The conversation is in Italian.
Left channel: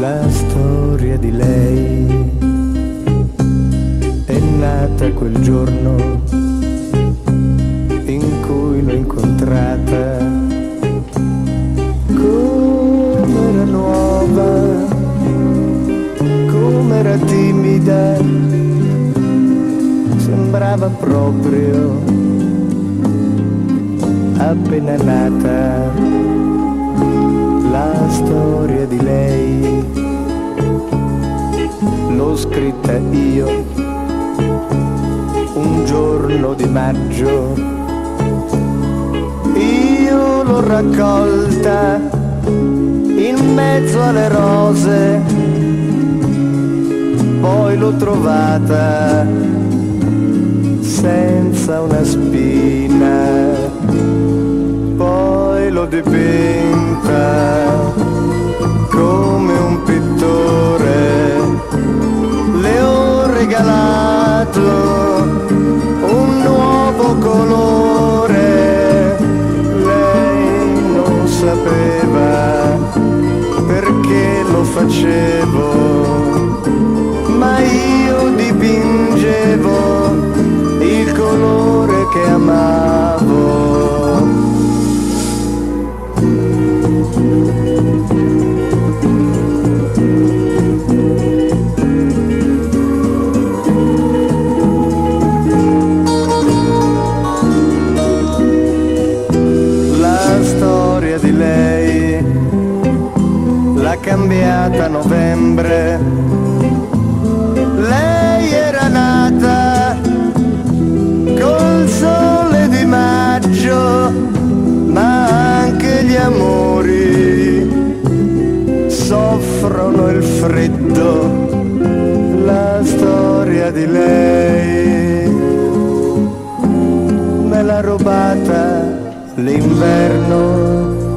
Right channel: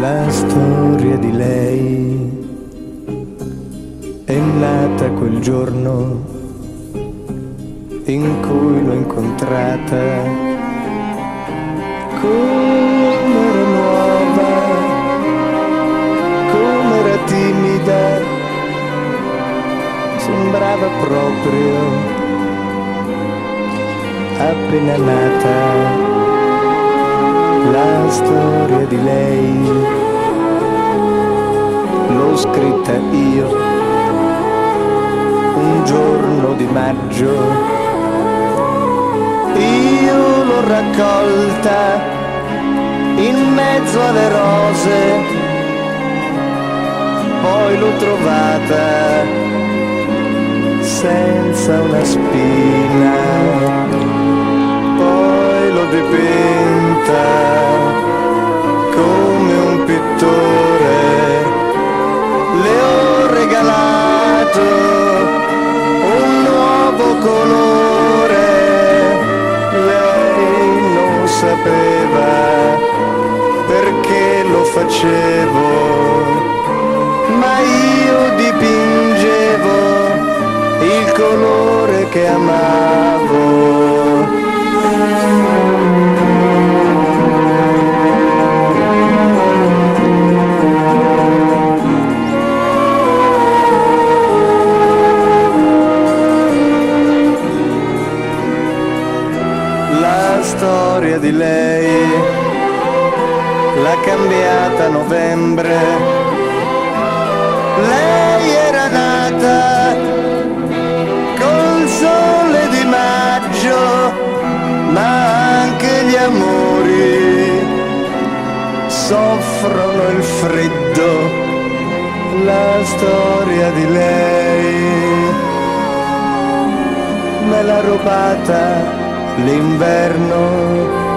La storia di lei è nata quel giorno in cui l'ho incontrata, come era nuova, come era timida, sembrava proprio appena nata. La storia di lei l'ho scritta io un giorno di maggio, io l'ho raccolta in mezzo alle rose, poi l'ho trovata senza una spina, poi l'ho dipinta come un pittore, le ho regalato un nuovo colore. Lei non sapeva perché lo facevo, ma io dipingevo il colore che amavo. La storia di lei l'ha cambiata a novembre. Lei era nata col sole di maggio, ma anche gli amori soffrono il freddo. La storia di lei me l'ha rubata l'inverno.